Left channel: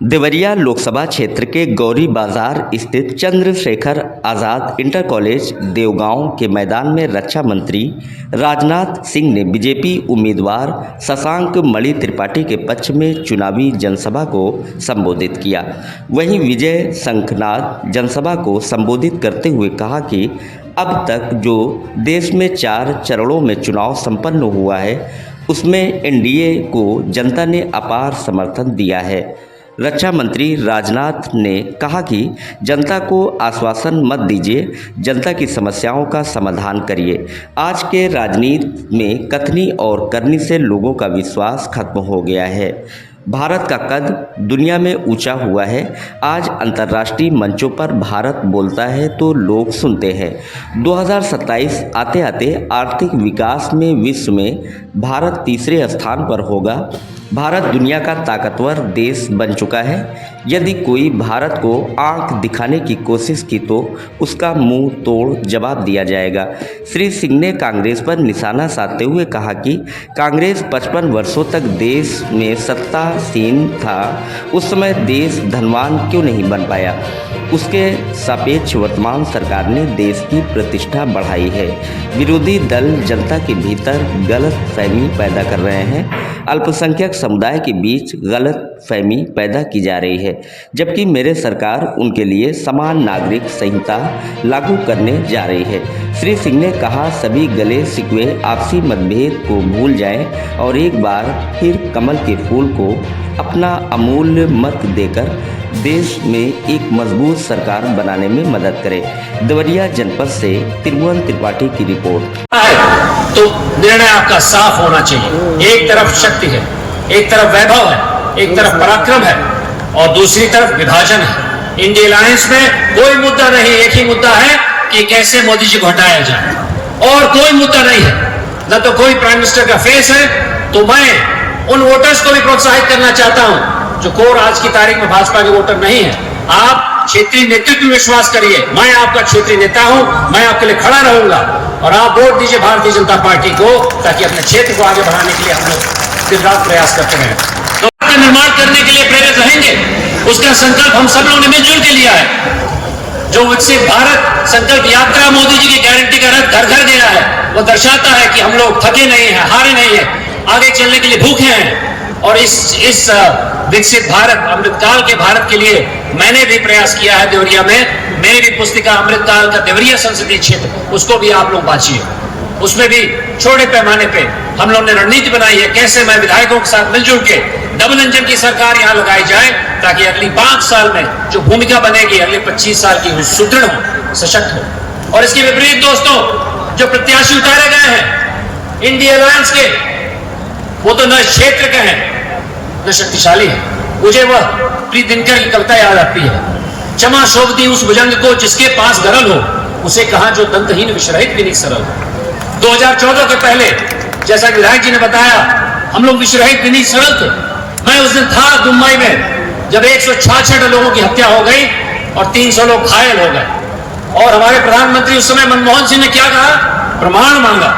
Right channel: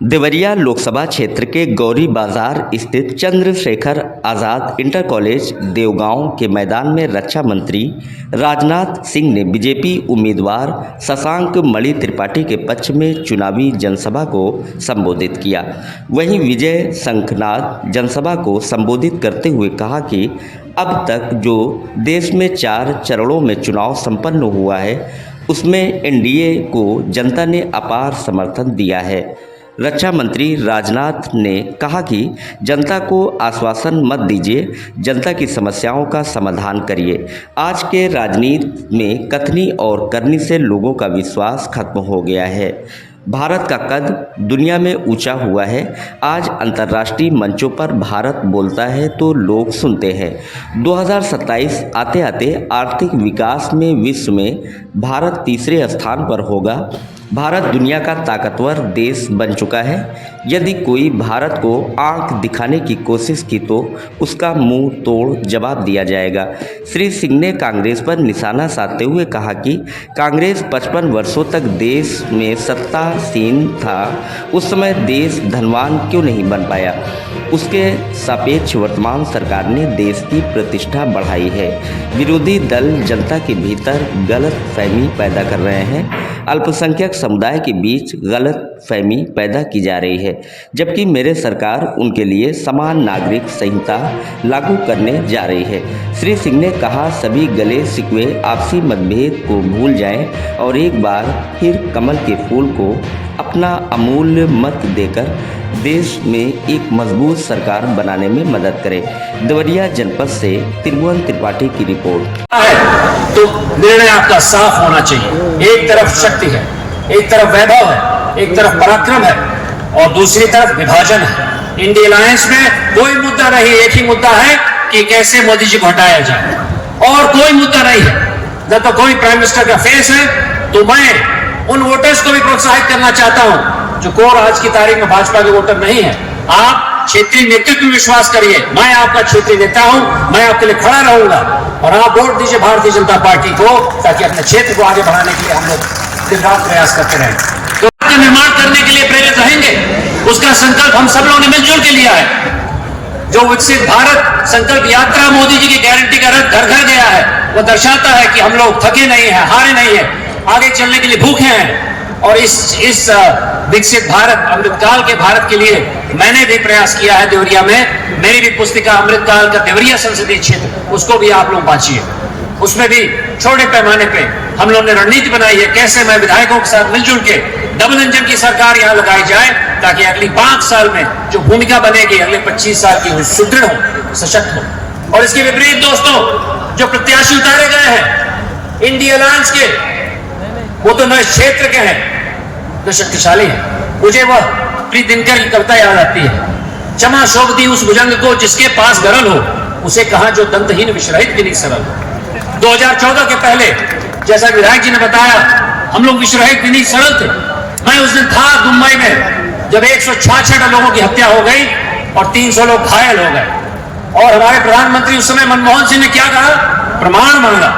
देवरिया लोकसभा क्षेत्र के गौरी बाजार स्थित चंद्रशेखर आज़ाद इंटर कॉलेज देवगांव के मैदान में रक्षा मंत्री राजनाथ सिंह ने बीजेपी उम्मीदवार शशांक मणि त्रिपाठी के पक्ष में चुनावी जनसभा को संबोधित किया। वहीं विजय शंखनाद जनसभा को संबोधित करते हुए कहा कि अब तक जो देश में 4 चरणों में चुनाव संपन्न हुआ है उसमें एनडीए को जनता ने अपार समर्थन दिया है। रक्षा मंत्री राजनाथ ने कहा कि जनता को आश्वासन मत दीजिए, जनता की समस्याओं का समाधान करिए। आज के राजनीति में कथनी और करनी से लोगों का विश्वास खत्म हो गया है। भारत का कद दुनिया में ऊंचा हुआ है। आज अंतर्राष्ट्रीय मंचों पर भारत बोलता है तो लोग सुनते हैं। 2027 आते आते आर्थिक विकास में विश्व में भारत तीसरे स्थान पर होगा। भारत दुनिया का ताकतवर देश बन चुका है। यदि कोई भारत को आंख दिखाने की कोशिश की तो उसका मुंह तोड़ जवाब दिया जाएगा। श्री सिंह ने कांग्रेस पर निशाना साधते हुए कहा कि कांग्रेस 55 वर्षों तक देश में सत्तासीन था, उस समय देश धनवान क्यों नहीं बन पाया। उसके सापेक्ष वर्तमान सरकार ने देश की प्रतिष्ठा बढ़ाई है। विरोधी दल जनता के भीतर गलत फहमी पैदा कर रहे हैं। अल्पसंख्यक समुदाय के बीच गलत फहमी पैदा की जा रही है, जबकि मेरे सरकार उनके लिए समान नागरिक संहिता लागू करने जा रही है। श्री सिंह ने कहा, सभी गले शिकवे आपसी मतभेद को भूल जाएं और एक बार फिर कमल के फूल को अपना अमूल्य मत देकर देश में एक मजबूत सरकार बनाने में मदद करें। देवरिया जनपद से त्रिभुवन त्रिपाठी की रिपोर्ट। तो निर्णय आपका साफ होना चाहिए। एक तरफ शक्ति है, एक तरफ वैभव है, एक तरफ पराक्रम है और दूसरी तरफ विभाजन है। इंडिया अलायंस में कोई मुद्दा नहीं, एक ही मुद्दा है कि कैसे मोदी जी को हटाया जाए, और कोई मुद्दा नहीं है। जब तो कोई प्राइम मिनिस्टर का फेस है तो मैं उन वोटर्स को भी प्रोत्साहित करना चाहता हूं जो कोर आज की तारीख में भाजपा के वोटर नहीं है। आप क्षेत्रीय नेतृत्व में विश्वास करिए। मैं आपका क्षेत्रीय नेता हूं, मैं आपके लिए खड़ा रहूंगा और आप वोट दीजिए भारतीय जनता पार्टी को, ताकि अपने क्षेत्र को आगे बढ़ाने के लिए हम लोग दिन रात प्रयास करते रहें। तो निर्माण करने के लिए प्रेरित रहेंगे, उसका संकल्प हम सब लोगों ने मिलजुल के लिया है। जो विकसित भारत संकल्प यात्रा मोदी जी की गारंटी का रथ घर घर गया है, वो दर्शाता है कि हम लोग थके नहीं है, हारे नहीं है, आगे चलने के लिए भूखे हैं। और इस विकसित भारत अमृतकाल के भारत के लिए मैंने भी प्रयास किया है। देवरिया में मेरी भी पुस्तिका अमृतकाल का देवरिया संसदीय क्षेत्र, उसको भी आप लोग बांचिए। उसमें भी छोटे पैमाने पे हम लोग ने रणनीति बनाई है, कैसे मैं विधायकों के साथ मिलजुल के डबल इंजन की सरकार यहाँ लगाई जाए, ताकि अगली 5 साल में जो भूमिका बनेगी अगले 25 साल की सुदृढ़ हो, सशक्त हो। और इसके विपरीत दोस्तों, जो प्रत्याशी उतारे गए हैं इंडिया अलायंस के, वो तो न क्षेत्र के हैं न शक्तिशाली है। मुझे वो प्री दिनकर की कविता याद आती है, क्षमा शोभती उस भुजंग को जिसके पास गरल हो, उसे कहा जो दंतहीन विश्रहित भी नहीं सरल। 2014 के पहले जैसा विधायक जी ने बताया, हम लोग विश्रहित भी नहीं सरल थे। मैं उस दिन था मुंबई में जब 166 लोगों की हत्या हो गई और 300 लोग घायल हो गए, और हमारे प्रधानमंत्री उस समय मनमोहन सिंह ने क्या कहा, प्रमाण मांगा।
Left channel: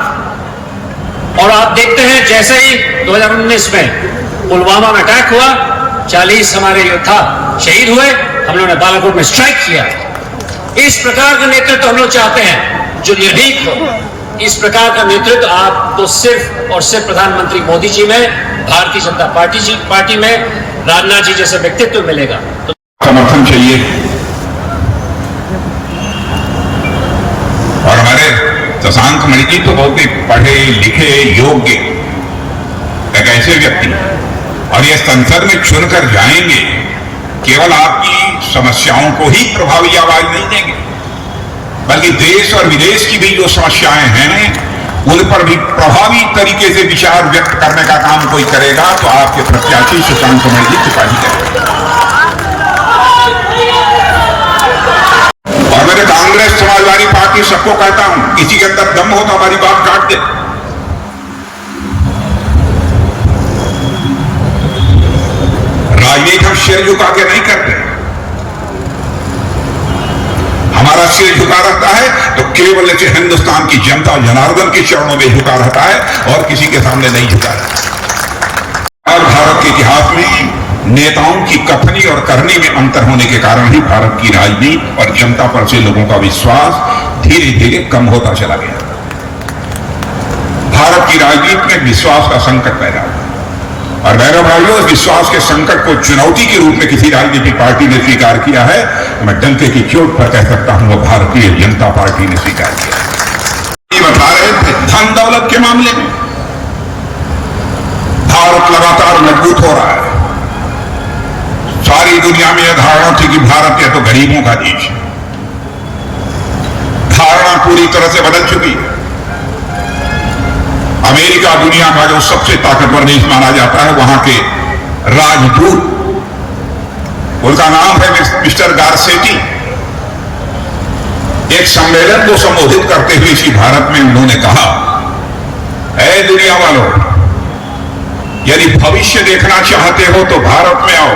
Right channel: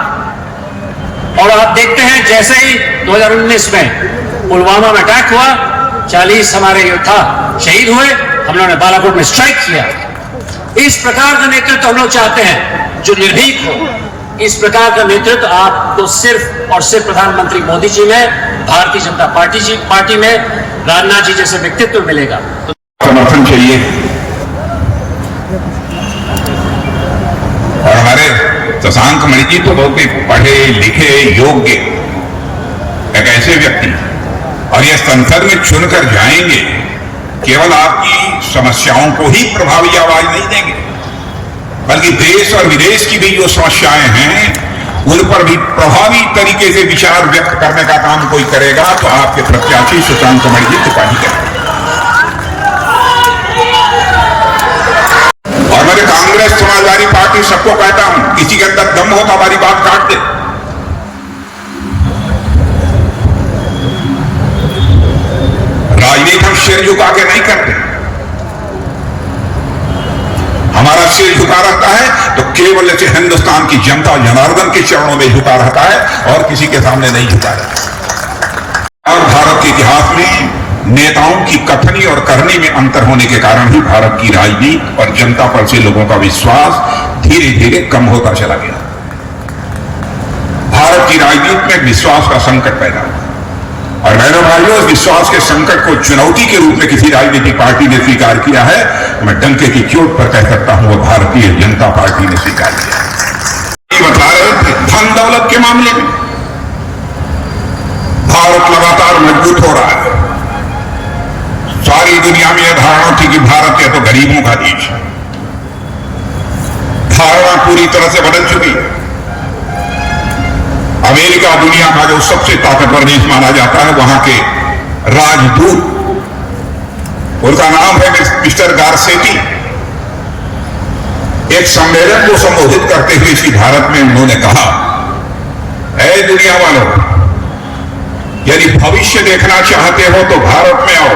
और आप देखते हैं जैसे ही 2019 में पुलवामा में अटैक हुआ, 40 हमारे योद्धा शहीद हुए, हम लोगों ने बालाकोट में स्ट्राइक किया। इस प्रकार का नेतृत्व हम लोग चाहते हैं जो निर्भीक हो। इस प्रकार का नेतृत्व आपको सिर्फ और सिर्फ प्रधानमंत्री मोदी जी में, भारतीय जनता पार्टी में राजनाथ जी जैसे व्यक्तित्व मिलेगा। समर्थन चाहिए और हमारे शशांक मणि जी तो बहुत ही पढ़े लिखे योग्य एक ऐसे व्यक्ति, और ये संसद में चुनकर जाएंगे, केवल आपकी समस्याओं को ही प्रभावी आवाज नहीं देंगे, बल्कि देश और विदेश की भी जो समस्याएं हैं उन पर भी प्रभावी तरीके से विचार व्यक्त करने का काम कोई करेगा तो आपके प्रत्याशी शशांक मणि जी त्रिपाठी करेंगे। और मेरे कांग्रेस समाजवादी पार्टी सबको कहता हूं, किसी के अंदर दम हो तो हमारी बात काट दे। राजनीति हम सिर झुका के नहीं करते। हमारा सिर झुका रहता है तो केवल ऐसे हिंदुस्तान की जनता और जनार्दन के चरणों में झुका रहता है और किसी के सामने नहीं झुका रहता। भारत के इतिहास में नेताओं की कथनी और करनी में अंतर होने के कारण ही भारत की राजनीति और जनता पर से लोगों का विश्वास धीरे धीरे कम होता चला गया। भारत की राजनीति में विश्वास का संकट पैदा हुआ और बहनों भाइयों, इस विश्वास के संकट को चुनौती के रूप में किसी राजनीतिक पार्टी ने स्वीकार किया है। मैं डंके की चोट पर कह सकता हूं, वो भारतीय जनता पार्टी ने स्वीकार किया। धन दौलत के मामले में भारत लगातार मजबूत हो रहा है। सारी दुनिया में यह धारणा थी कि भारत या तो गरीबों का देश है। धारणा पूरी तरह से बदल चुकी है। अमेरिका दुनिया का जो सबसे ताकतवर देश माना जाता है, वहां के राजदूत, उनका नाम है मिस्टर गारसेटी, एक सम्मेलन को संबोधित करते हुए इसी भारत में उन्होंने कहा, ऐ दुनिया वालों, यदि भविष्य देखना चाहते हो तो भारत में आओ,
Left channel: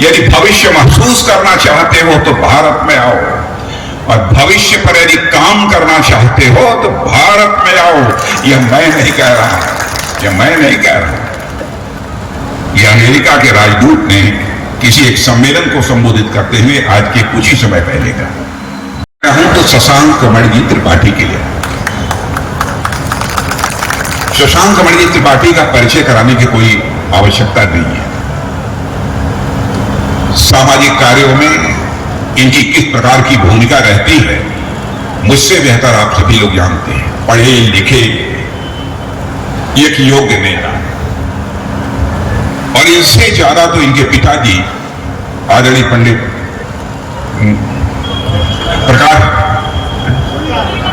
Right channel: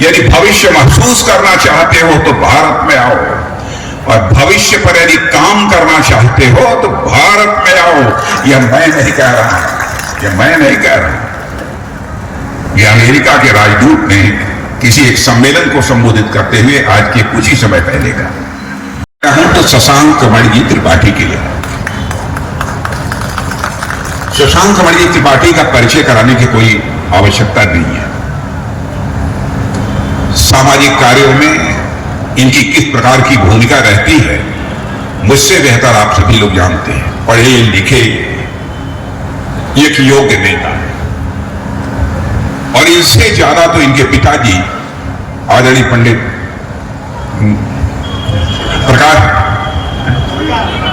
यदि भविष्य महसूस करना चाहते हो तो भारत में आओ, और भविष्य पर यदि काम करना चाहते हो तो भारत में आओ। यह मैं नहीं कह रहा, यह मैं नहीं कह रहा, यह अमेरिका के राजदूत ने किसी एक सम्मेलन को संबोधित करते हुए आज के कुछ ही समय पहले कहा। हूं तो शशांक मणि त्रिपाठी के लिए, शशांक मणि त्रिपाठी का परिचय कराने की कोई आवश्यकता नहीं है। सामाजिक कार्यों में इनकी किस प्रकार की भूमिका रहती है, मुझसे बेहतर आप सभी लोग जानते हैं। पढ़े लिखे एक योग्य नेता, और इससे ज्यादा तो इनके पिताजी आदरणीय पंडित प्रकाश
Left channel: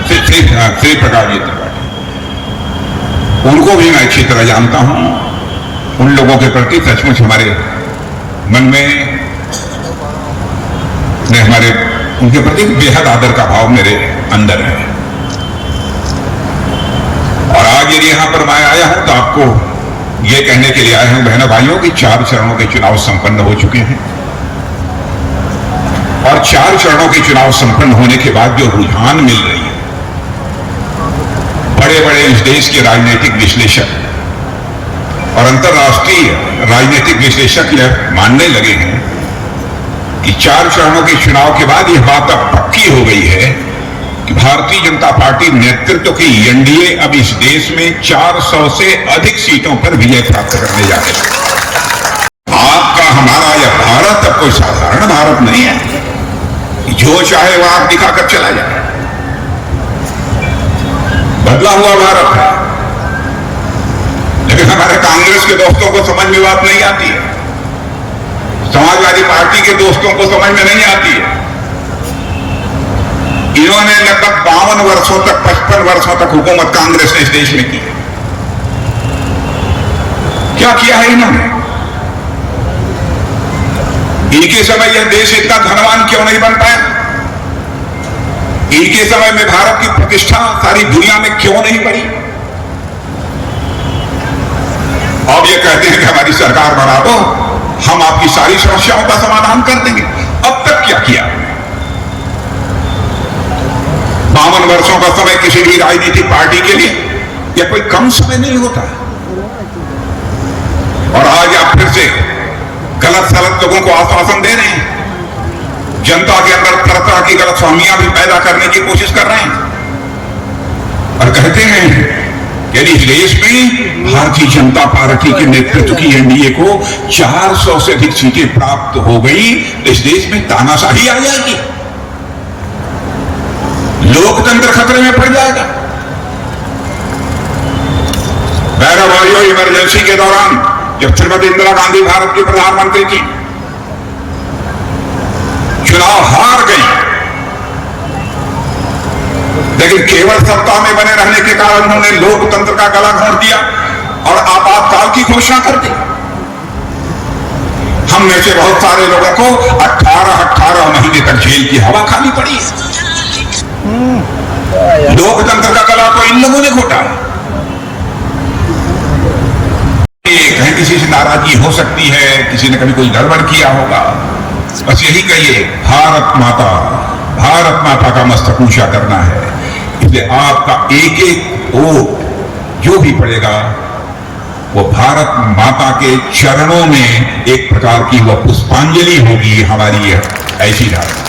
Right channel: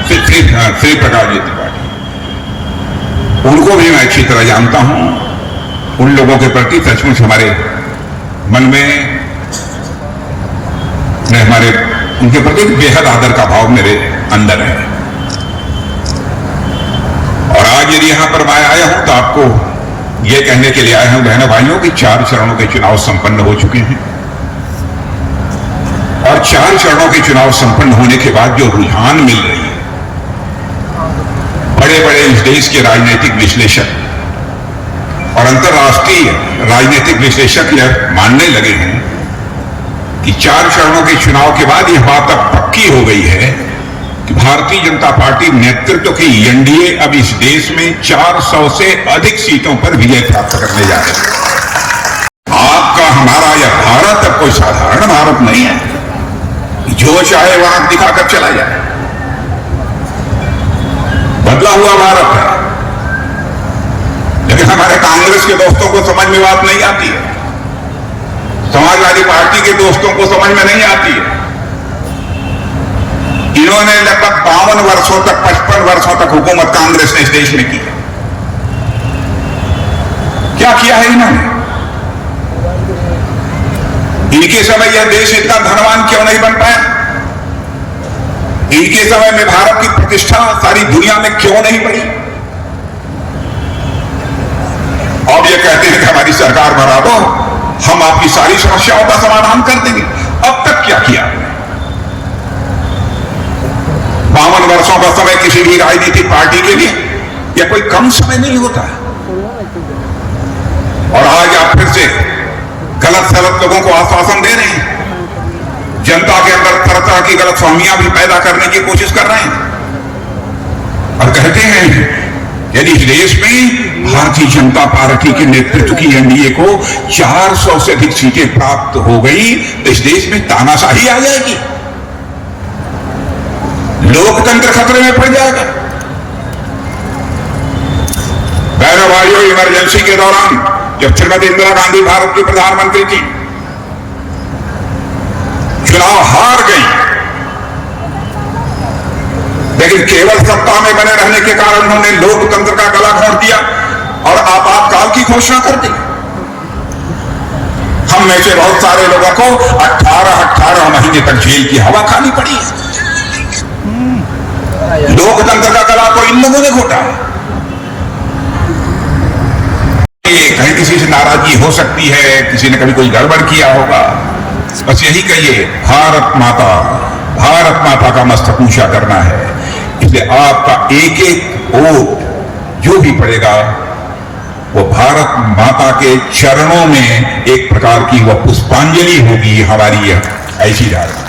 श्री प्रकाश जी त्रिपाठी, उनको भी मैं अच्छी तरह जानता हूं। उन लोगों के प्रति सचमुच हमारे मन में हमारे उनके प्रति बेहद आदर का भाव मेरे अंदर है। और आज यदि यहां पर मैं आया हूं तो आपको यह कहने के लिए आया हूं, बहनों भाइयों, कि 4 चरणों के चुनाव संपन्न हो चुके हैं। और 4 चरणों के चुनाव संपन्न होने के बाद जो रुझान मिल रही है, बड़े बड़े इस देश के राजनीतिक विश्लेषक और अंतर्राष्ट्रीय राजनीतिक विश्लेषक यह मानने लगे हैं कि 4 चरणों के चुनाव के बाद यह बात अब पक्की हो गई है कि भारतीय जनता पार्टी नेतृत्व की एनडीए अब इस देश में 400 से अधिक सीटों पर विजय प्राप्त करने जा रही है। आपका हमारा यह भारत अब कोई साधारण भारत नहीं है, जो चाहे वह आप दिखाकर चला जाए। बदला हुआ भारत है। लेकिन हमारे कांग्रेस के दोस्तों को समझ में बात नहीं आती है, समाजवादी पार्टी के दोस्तों को समझ में नहीं आती है। इन्होंने लगभग 52 वर्षों तक, 55 वर्षों तक हुकूमत कांग्रेस ने इस देश में की। क्या किया है इन्होंने? इनके समय यह देश इतना धनवान क्यों नहीं बन पाया? इनके समय में भारत की प्रतिष्ठा सारी दुनिया में क्यों नहीं बढ़ी? अब ये कहते हैं कि हमारी सरकार बढ़ा दो, हम आपकी सारी समस्याओं का समाधान कर देंगे। अब तक क्या किया? 52 वर्षों का समय किसी भी राजनीतिक पार्टी के लिए यह कोई कम समय नहीं होता है। और आज आप फिर से गलत सलत लोगों को आश्वासन दे रहे हैं, जनता के अंदर तरह तरह की गलतफहमियां भी पैदा करने की कोशिश कर रहे हैं, और कहते हैं यदि इस देश में भारतीय जनता पार्टी के नेतृत्व की एनडीए को 400 से अधिक सीटें प्राप्त हो गई तो इस देश में तानाशाही आ जाएगी, लोकतंत्र खतरे में पड़ जाएगा। बहनों भाइयों, इमरजेंसी के दौरान जब श्रीमती इंदिरा गांधी भारत की प्रधानमंत्री थी, चुनाव हार गई, लेकिन केवल सत्ता में बने रहने के कारण उन्होंने लोकतंत्र का गला घोंट दिया और आपातकाल की घोषणा कर दी। हम में से बहुत सारे लोगों को 18 महीने तक जेल की हवा खानी पड़ी। लोकतंत्र का गला तो इन लोगों ने घोटा। कहीं किसी से नाराजगी हो सकती है, किसी ने कभी कोई गड़बड़ किया होगा, बस यही कहिए, भारत माता का मस्तक ऊंचा करना है। इसलिए आपका एक एक वोट जो भी पड़ेगा वो भारत माता के चरणों में एक प्रकार की वह पुष्पांजलि होगी हमारी, यह ऐसी धारणा।